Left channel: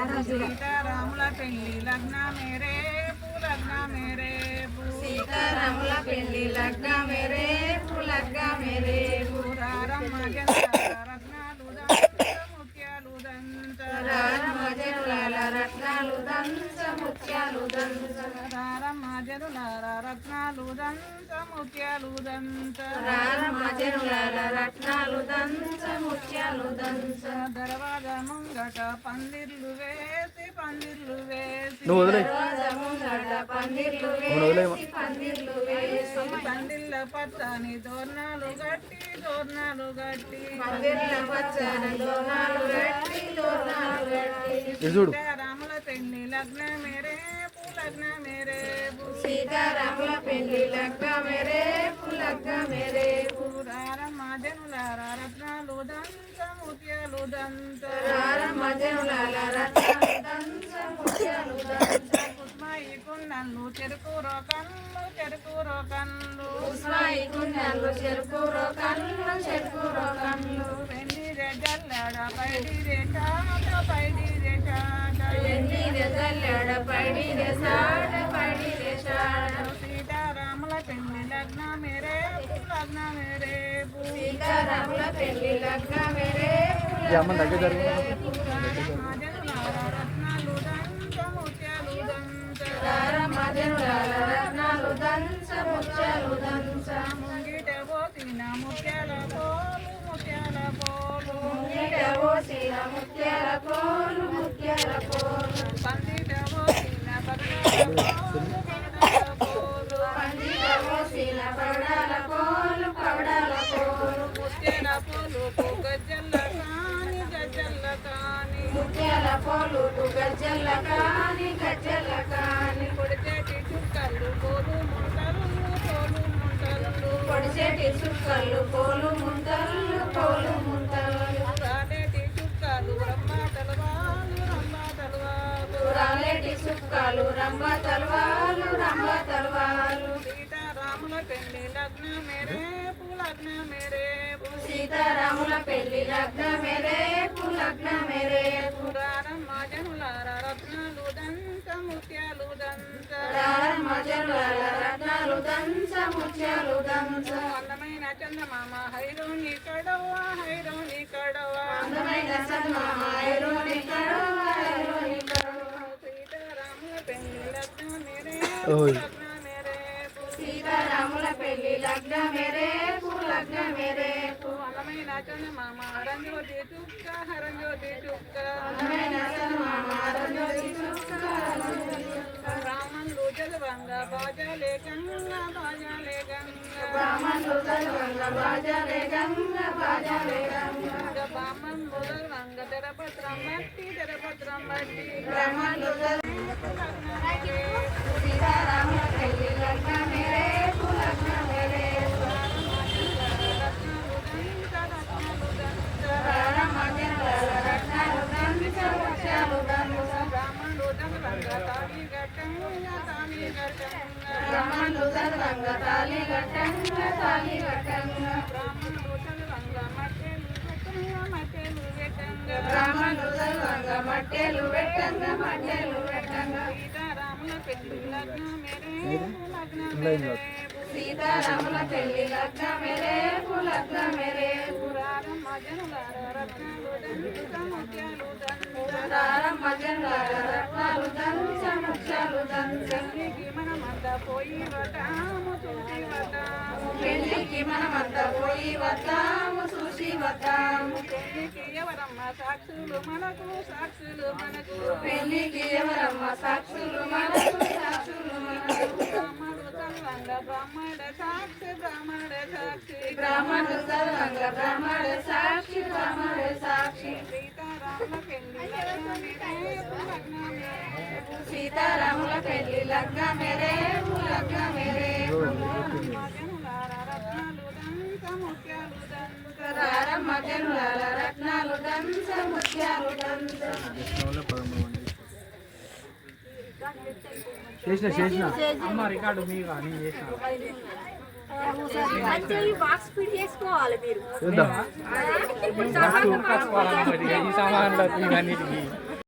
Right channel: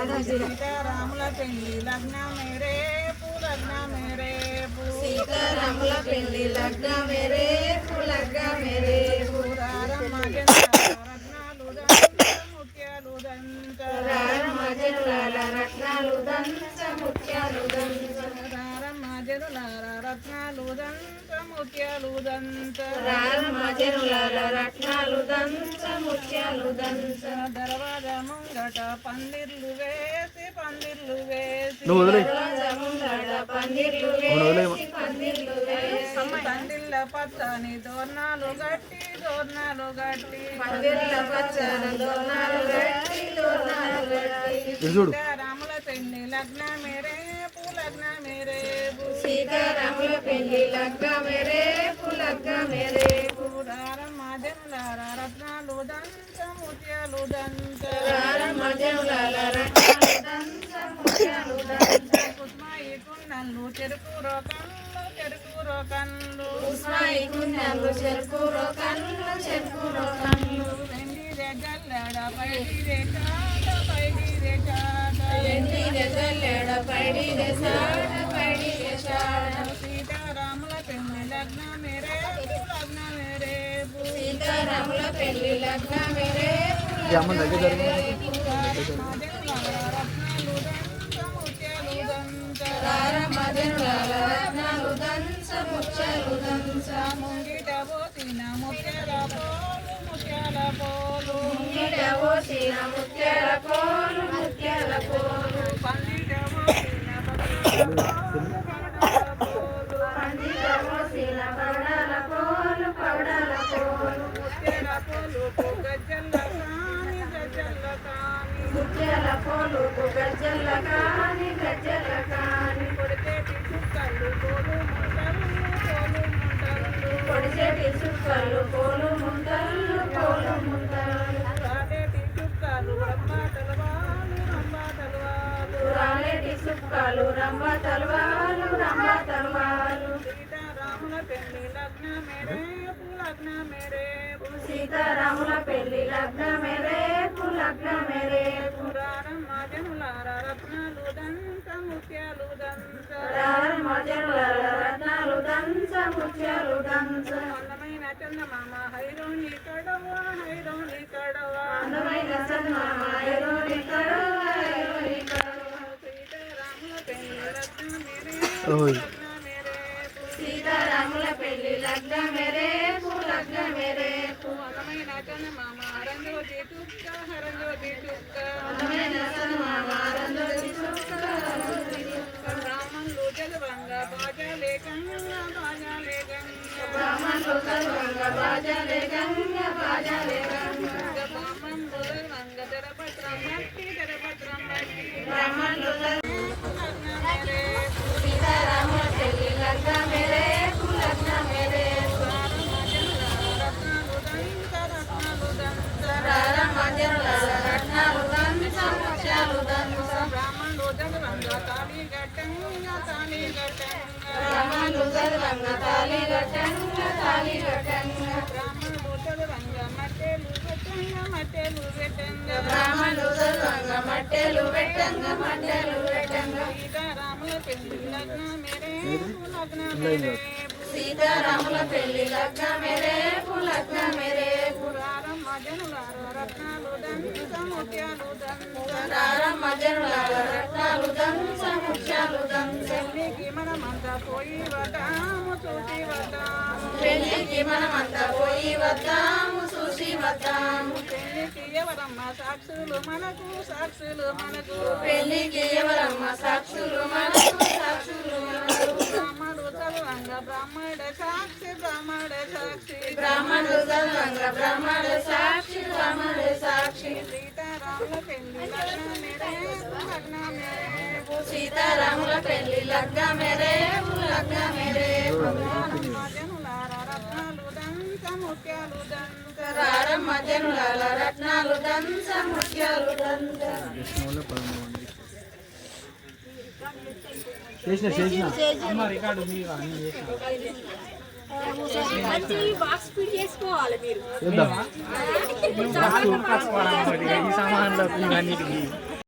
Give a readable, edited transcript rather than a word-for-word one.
సీతారాముల పెళ్లి లగ్న మేరే లగ్న మేరే సీతారాముల పెళ్లి లగ్న మేరే లగ్న మేరే రారమ్మ రత్నాలు ముత్యాలు దంత రారమ్మ జనులాల రత్నాలు దంత ముత్యాలు దంత రారమ్మ జనులాల రత్నాలు దంత ముత్యాలు దంత రారమ్మ జనులాల రత్నాలు దంత ముత్యాలు దంత దర్వాజా ముంగట పందిర్లు వేసి దర్వాజా ముంగట పందిర్లు వేసి పందిళ్ళ పచ్చని దోర్నాలు గట్టి పందిళ్ళ పచ్చని దోర్నాలు గట్టి సీతారాముల పెళ్లి లగ్న మేరే లగ్న మేరే సీతారాముల పెళ్లి లగ్న మేరే లగ్న మేరే రారమ్మ జనులార రత్నాలు దంత ముత్యాలు దంత రారమ్మ జనులాల రత్నాలు దంత ముత్యాలు దంత కుస్మాయి కుండలు చెరుకూరో కళ్ళు ఉస్మాయి కుండలు చెరుకూరో కళ్ళు వెండి జల్లెడ పైడి చాట వెండి జల్లెడ పైడి సాట సీతారాముల పెళ్లి లగ్న మేరే సీతారాముల పెళ్లి లగ్న మేరే రత్నాలు దంత ముత్యాలు దంత రారమ్మ జనులాల రత్నాలు దంత ముత్యాలు దంత ముంగిట పోసిన ముత్యాల పోలు ముంగిట పోసిన ముత్యాల పోలు పందిట పోసిన పందిట పోసిన పగడాల పోలు ముత్యాల పోలు గజ్జల్ల కాని ముత్యాల పోలు గజ్జల్ల కాని కొడితేటి చుక్కలు పోలు పొడిచేటి చుక్కలు పోలు ముంతలు రాలేటి చుక్కలు రాలేటి చుక్కలు రంభ తలవాలు సీతారాముల పెళ్లి లగ్న మేరే సీతారాముల పెళ్లి లగ్న మేరే రారమ్మ జనులార రత్నాలు దంత ముత్యాలు దంత రారమ్మ జనులాల రత్నాలు దంత ముత్యాలు దంత అందమైన చందమామ హైరోని కడవా అందమైన చందమామ హైరోని కడవ సీతారాముల పెళ్లి లగ్న మేరే సీతారాముల పెళ్లి లగ్న మేరే అందమైన చందమామ హరంజ్యోతి చుక్క అందమైన చందమామ రంజోతి చుక్క బ్రాహ్మణులు జలవంగ బాజాలే గంగా బ్రాహ్మణులు గల్వంగ బాజాలే గంగ బ్రాహ్మణులు జలవంగ తెరపత్రం బట్టి బ్రాహ్మణులు సీతారాముల పెళ్లి లగ్న మేరే రారమ్మ జనులాల రత్నాలు దంత ముత్యాలు దంత బ్రాహ్మణులు జలవంగ తాళి గట్టంగా బ్రాహ్మణులు గల్వంగ తాళి గట్టంగా బ్రాహ్మణులు జలవంగ మట్టెలు పెట్టంగా బ్రాహ్మణులు గల్వంగ మట్టెలు పెట్టంగా సీతారాముల పెళ్లి లగ్న మేరే సీతారాముల పెళ్లి లగ్న మేరే రారమ్మ జనులార రత్నాలు దంత ముత్యాలు దంత రారమ్మ జనులాల రత్నాలు దంత ముత్యాలు దంత పెళ్లికి మనమంతా పోయి వద్దాము పెళ్లికి మనమంతా పోయి వద్దాము చూసి వద్దాము పెళ్లికి ఎవరమ్మ సాక్షులు మనకు పెళ్లికి ఎవరమ్మ సాక్షులు మనకు బ్రాహ్మణుడు చదవంగ బ్రాహ్మణ సాక్షి బ్రాహ్మణుడు గల్వంగ బ్రాహ్మణ సాక్షి సీతారాముల పెళ్లి సీతారాముల పెళ్లి లగ్న మేరే జనులార రత్నాలు దంత ముత్యాలు దంత రారమ్మ జనులాల రత్నాలు దంత ముత్యాలు దంత చేసిన అమ్మ రికార్డు మీ కానీ బాక్స్ ఫిట్ చేసుకోవాలి మీరు చూద్దాం ఈ సామాన్లు అన్నిటికీ